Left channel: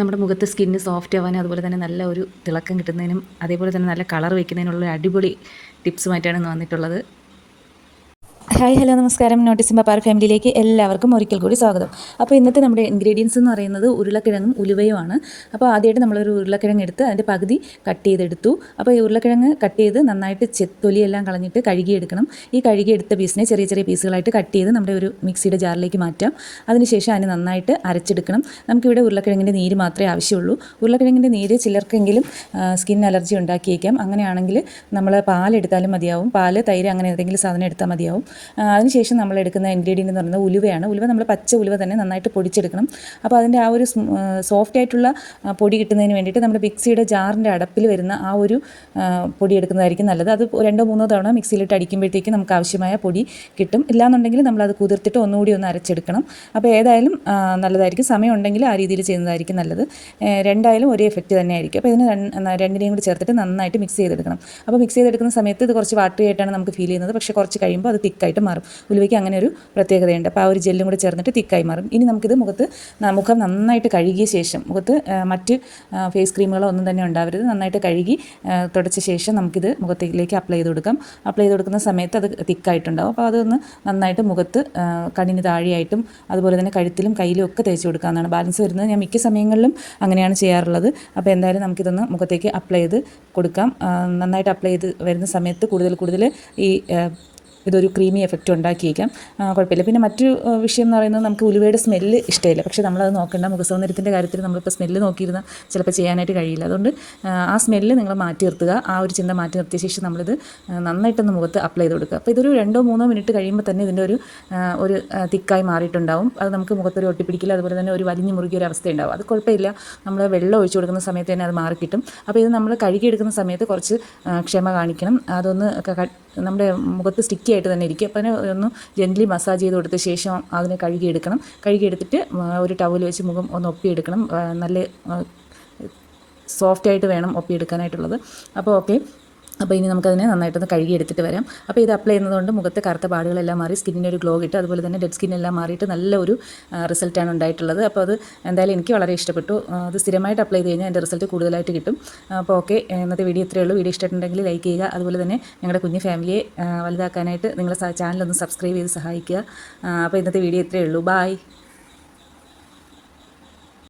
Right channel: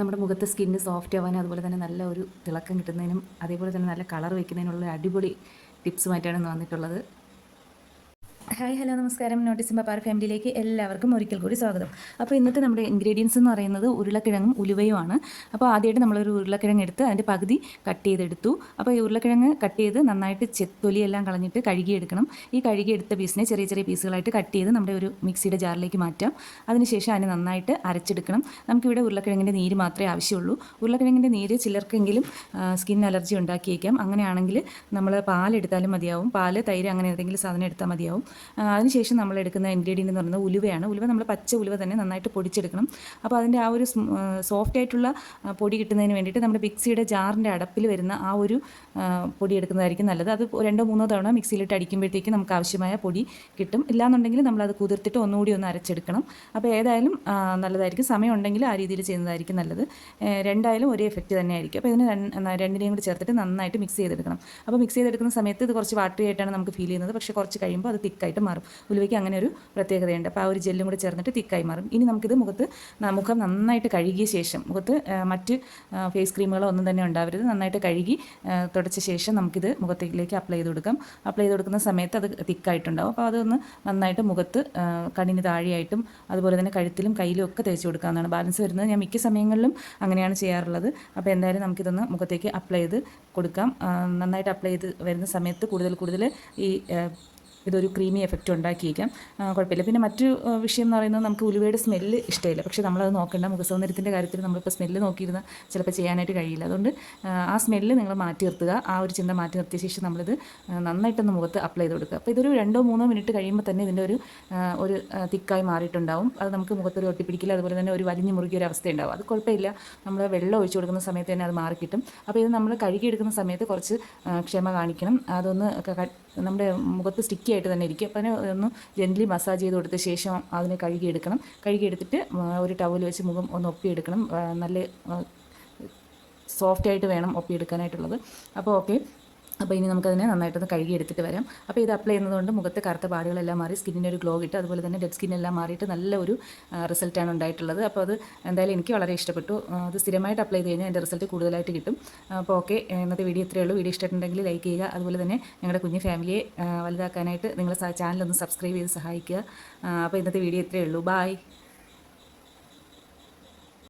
നമ്മുടെ മുഖത്ത് skin soft ആവാനും അതുപോലെ തന്നെ നല്ല ഒരു തിളക്കം കിട്ടുന്നതിനും അതേപോലെ തന്നെ നല്ല കളർ വയ്ക്കുന്നതിനുള്ള അടിപൊളി ടിപ്സുമായിട്ടാണ് വന്നിട്ടുള്ളത്. ഹായ് ഹലോ നമസ്കാരം. നോട്ടീസ് പപ്പാർ ഫാമിലിയിലേക്ക് എല്ലാവർക്കും ഒരിക്കൽ കൂടി സ്വാഗതം. അപ്പോൾ ഇന്നത്തെ നമ്മുടെ ഇൻഗ്രീഡിയൻസ് എന്ന് പറയുന്നത് ഉരുളക്കിഴങ്ങും ഉലുവയുമാണ്. അപ്പോൾ ആദ്യമായിട്ട് നമ്മളൊരു ഉരുളക്കിഴങ്ങ് എടുത്ത് അതിന്റെ പകുതി കട്ട് ചെയ്തെടുത്തു. അപ്പോൾ ഈ ഉരുളക്കിഴങ്ങ് കട്ട് ചെയ്ത് നന്നായിട്ട് തൊലിയെല്ലാം കളഞ്ഞിട്ട് കഴുകിയെടുക്കണം. ഈ കഴുകിയെടുത്ത പീസിനെ ചെറിയ ചെറിയ പീസുകളായിട്ട് കട്ട് ചെയ്ത് നമ്മുടെ ഒരു മിക്സിയുടെ ജാറിലേക്ക് മാറ്റാം. അതിനുശേഷം അതിന് നന്നായിട്ട് അരച്ചെടുക്കണം. നമുക്കിവിടെ ഉരുളക്കിഴങ്ങിന്റെ നീര് മാത്രമേ ആവശ്യമുള്ളൂ. ഉരുളക്കിഴങ്ങിന്റെ നീര് ചിലർക്കെങ്കിലും സ്കിൻ അലർജി ഉണ്ടാക്കിയേക്കാം. അങ്ങനെയാണെങ്കിൽ നമ്മൾ പാലെടുത്താലും മതിയാവും. പാൽ തൈര് അങ്ങനെ ഏതെങ്കിലും സാധനം എടുത്താൽ മതിയാവും. അതിനുശേഷം നമ്മൾ എടുക്കുന്ന ഇൻഗ്രീഡിയന്റ് എന്ന് പറയുന്നത് ഉലുവയാണ്. ഉലുവ നമ്മൾ പച്ച ഉലുവ തന്നെ നന്നായിട്ട് പൊടിച്ചെടുക്കണം. അപ്പോൾ അതിന്റെ ആ ഒരു സോഫ്റ്റ് ആയിട്ടുള്ള പൊടി കിട്ടുന്നതിന് വേണ്ടിയിട്ട് നമ്മുടെ മിക്സിയുടെ ജാറിന്റെ അടപ്പിൽ വരുന്ന ആ ഒരു പൊടി എടുക്കുന്നതായിരിക്കും നല്ലത്. അത് രണ്ടോ മൂന്നോ തവണ മിക്സിയിലിട്ട് അടിക്കുമ്പോഴത്തേക്ക് നമുക്ക് ആവശ്യമായ പൊടി കിട്ടും. ഇല്ലാന്നുണ്ടെങ്കിൽ നമ്മളത് കുതിർത്തിട്ട് ഒന്നുകൂടി ഒന്ന് അരച്ചെടുക്കണം. അപ്പോൾ ഏതായാലും നല്ലതായിരിക്കും. സമയം ഉണ്ടെങ്കിൽ ആ രീതിയിൽ ചെയ്യുന്നതായിരിക്കും നല്ലത്. രണ്ടായാലും ഒരേ എഫക്റ്റ് തന്നെയായിരിക്കും. അപ്പോൾ ഇതിന് രണ്ട്- രണ്ടിനെയും കൂടി ചേർത്തിട്ട് നന്നായിട്ട് മിക്സ് ചെയ്തെടുക്കണം. അപ്പോൾ മിക്സ് ചെയ്തെടുക്കുന്ന സമയത്ത് ഇത് കുറച്ച് വാട്ടറി ആയിട്ടാണ് നമുക്ക് ഫീൽ ചെയ്യുന്നത്. പക്ഷേ കുറച്ച് കഴിയുമ്പോൾ അത് തിക്കായിട്ട് മാറും. ഉലുവയ്ക്ക് അങ്ങനെ ഒരു പ്രത്യേകതയുണ്ട്. അപ്പോൾ ആ ഒരു ജെല്ലും കൂടെ ചേർന്നിട്ട് തിക്കായി മാറും. ഇനി നമുക്കിത് മുഖത്ത് മുഖം നന്നായിട്ട് കഴുകിയ ശേഷം മുഖത്ത് മറ്റ് ഫേസ് ക്രീമുകളോ ഒന്നും തന്നെ ഉണ്ടാവരുത്. നന്നായിട്ട് കഴുകി തുടച്ച ശേഷം നമുക്കിത് മുഖത്തേക്ക് അപ്ലൈ ചെയ്ത് കൊടുക്കാം. അപ്ലൈ ചെയ്ത് കൊടുക്കുന്ന സമയത്ത് അത് തിക്കായിട്ടുണ്ടാവും. അപ്പോൾ അതൊന്ന് നന്നായിട്ട് മുഖത്ത് കണ്ണിന് താഴെയായിട്ടും അതുപോലെ തന്നെ കഴുത്തിലും കയ്യിലും ഒക്കെ തേച്ച് കൊടുക്കാവുന്നതാണ്. ബാലൻസ് വരുന്നത് ഞാൻ മിക്ക സമയങ്ങളിലും അങ്ങനെയാണ് ചെയ്യാറുള്ളത്. അപ്പോൾ എന്തായാലും നമുക്കിതൊന്ന് മുഖത്തേക്ക് അപ്ലൈ ചെയ്ത് കൊടുക്കാം. നന്നായിട്ട് അപ്ലൈ ചെയ്ത് വരുന്ന സമയത്ത് കൂടുതൽ കൂടുതൽ ഈ ഇതൊരു ക്രീമി എഫക്റ്റ് ഉണ്ടാക്കിയേക്കാം. കുഴപ്പമില്ല. പിന്നെ മറ്റൊരു വിഷയം എന്ന് പറയുന്നത് നമുക്ക് ഉലുവയുടെ സ്മെല്ല് ഇഷ്ടമില്ല പക്ഷേ നമ്മളത് നോക്കേണ്ട. മുഖസൗന്ദര്യത്തിന്റെ കാര്യത്തിൽ നമ്മളിപ്പോൾ സ്മെല്ല് നോക്കിയിരുന്ന ചിലപ്പോൾ ചെയ്യാനായിട്ട് കഴിയില്ല. അതുകൊണ്ട് ആ, സ്മെല്ല് നിങ്ങൾ മാറ്റി നിർത്തുക. ആ ഒരു ചിന്ത മാറ്റി നിർത്തിയ ശേഷം നമ്മളിത് നന്നായിട്ടൊന്ന് മുഖത്ത് അപ്ലൈ ചെയ്ത് കൊടുക്കുക. അപ്പോൾ ഇതൊരു രണ്ടോ മൂന്നോ മിനിറ്റ് കഴിയുമ്പോൾ തന്നെ ഇതിന്റെ ഒരു ഒരു തിക്കായി മാറിയിട്ടുണ്ടാവും. അത് നമുക്ക് മുഖത്തൊരു ഒട്ടിപ്പിടിക്കില്ല അതുപോലെ തന്നെ ഒരു വലിഞ്ഞു മുറുകിയ ഒരു അവസ്ഥ ഉണ്ടാവും അത് കുഴപ്പമില്ല. നമ്മൾ വെള്ളം ഒഴിച്ചു കൊടുക്കുന്ന സമയത്ത് തന്നെ അത് മാറിക്കിട്ടും. അപ്പോൾ ഇത് നമ്മൾ കഴുകിയെടുക്കുന്ന സമയത്ത് കുറച്ച് ക്ഷമ കാണിക്കണം. അതൊന്ന് നമ്മുടെ മുഖത്ത് സ്റ്റിക്കി ആയിട്ട് തന്നെ ഇരിക്കും. അപ്പം അതിനെ ഒന്ന് ജെന്റ്ലി മസാജ് ചെയ്ത് കൊടുത്ത ശേഷം അതിനെ കഴുകിയെടുക്കണം. കഴുകിയെടുത്തിട്ട് ഒരു ടവൽ വെച്ച് മുഖം ഒന്ന് ഒപ്പിയെടുക്കണം. നല്ല സോഫ്റ്റായിട്ട് വേണം ഒപ്പിയെടുക്കാനായിട്ടുള്ളത്. അപ്പോൾ ഓക്കെ അപ്പോൾ ഇനി നമുക്കതിനെ നന്നായിട്ടൊന്ന് കഴുകി എടുത്തിട്ട് വരാം. അപ്പോൾ ഇത് അപ്ലൈ ചെയ്യുന്നതുകൊണ്ട് മുഖത്തെ കറുത്ത പാടുകളെല്ലാം മാറി സ്കിന്നിന് ഒരു ഗ്ലോ കിട്ടും. അതുപോലെ തന്നെ ഡെഡ് സ്കിന്നെല്ലാം മാറിയിട്ട് നല്ല ഒരു റിസൾട്ടാണ് ഉണ്ടായിട്ടുള്ളത്. അപ്പോൾ അത് എന്തായാലും എനിക്ക് വളരെ ഇഷ്ടപ്പെട്ടു. അത് സ്ഥിരമായിട്ട് അപ്ലൈ ചെയ്ത് കഴിഞ്ഞാൽ എന്റെ റിസൾട്ട് കൂടുതലായിട്ട് കിട്ടും. അപ്പോൾ ഓക്കെ ഇന്നത്തെ വീഡിയോ ഇത്രയേ ഉള്ളൂ. വീഡിയോ ഇഷ്ടമായിട്ടുണ്ടെങ്കിൽ ലൈക്ക് ചെയ്യുക. അതുപോലെ തന്നെ ഞങ്ങളുടെ കുഞ്ഞു ഫാമിലിയെ വലുതാക്കാനായിട്ട് നിങ്ങളുടെ ചാനലൊന്ന് സബ്സ്ക്രൈബ് ചെയ്ത് സഹായിക്കുക. അപ്പോൾ ഇന്നത്തെ വീഡിയോ ഇത്രയേ ഉള്ളൂ. ബായ്